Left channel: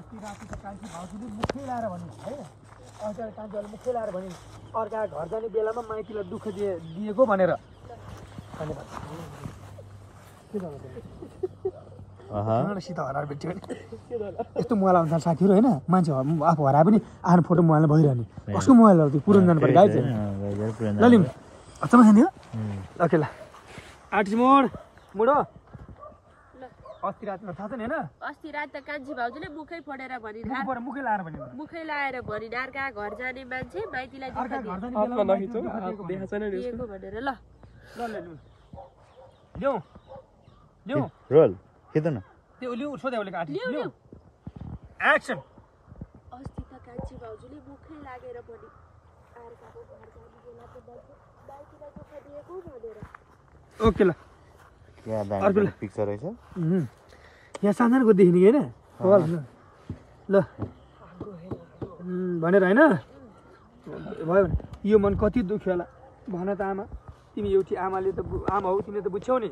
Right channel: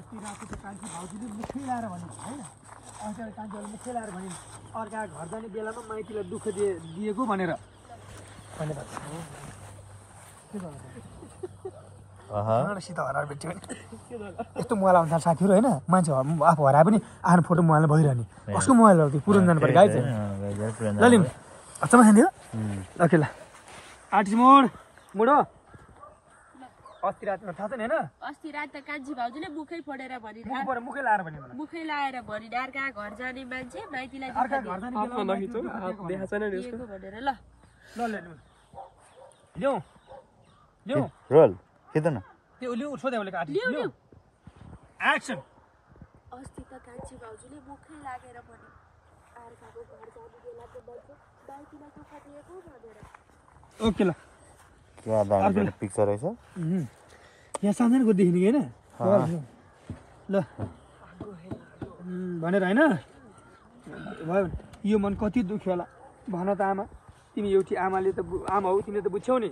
अस्ति राति त कान्छी भाउजूले मुखै लाएर भने हैन अस्ति कान्छीले मुखै लाएर भने अर्का घर जाने बेलामा माइतीलाई दुःख दिएको भनेर के गर्नु सिधा हराएर बेच्यो यस्तो मोबाइल आउँछ साथीहरू होइन मान्छे आफू हराए पनि आफ्नो फोटो मोबाइलमा भइरहने कसको मोबाइल हो त्यो पुरानो जानु पर्यो गाइज अचम्म खान्थ्यो ओके ल आर्टिस्ट मुडो अस्ति रातमा थाहा छैन हैन अस्ति रात त कान्छी भाउजूले मुखै फोडेर भनिन् मुखै लाएर भने मुखै लाएर भनिन् अर्का घर जाने मान्छे माइतीलाई अर्का घर जाने हातमा नखिचौ हात देखा छैन नि दिएको भनेर ल ल्याउ ल्याउ रोल कितन त्यो ल्याउ सोधे बोलेको आर्टिस्ट ल्याउ एक्सन अस्ति त कान्छी भाउजूले मुखै लागेर भनिन् अर्काको घर जाने बेलाको मान्छे माइतीलाई दुःख दिएको भनेर ओके ल यहाँ दामी पिक्चर रहेछ यहाँ सानसानो देखिने कि होइन ल भनेर होइन भयो भने यो मन कति दुख्यो होला भन त आमा तिमी एउटी आमाले त आमा हौ तिमीले त बुझ्यौ नि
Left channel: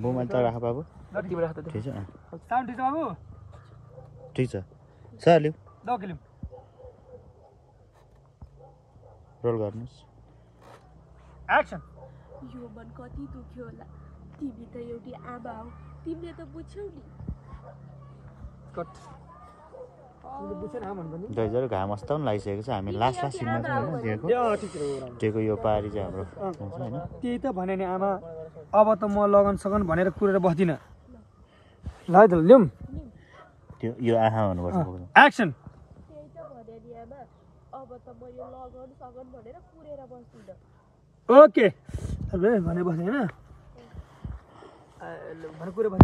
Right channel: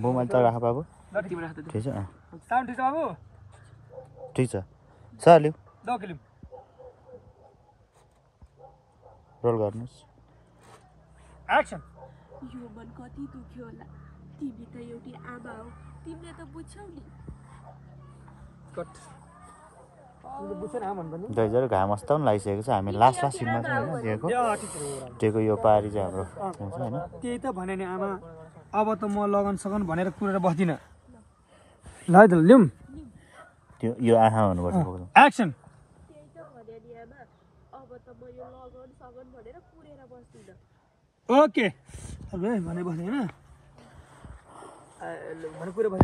मोबाइल त राख बाबु तिमी राख त ठिक छ साउन्ड ठिक छ बाबु ठिक छ सर लिऊ ल लिऊ रोल गर्नुहोस् एक्सन यो मन कति दुख्यो होला तिमी त एउटी आमा हौ तिमीले त बुझ्यौ नि कट तिमीले बुझ्यौ न आमा भन्नु नि दाइजर घाम अस्ताउ पनि लागिसकेको छ हामी लास्ट सिनमा छौँ होइन दिएको दिएको यो पारी चाहिँ हाम्रो हुन्छ होइन त्यही त भने नि आमा अब त म लगन सकन भनेर कुरेर बस्दिनँ ल है त ल्याउँ त्यो यो आँखा भन्नुपर्छ एक्सन त्यही त भने नि आमा अब त म यो लगन सगन भनेर कुरेर बस्दिनँ ओके भने बस्ने होइन भने कुरो भएन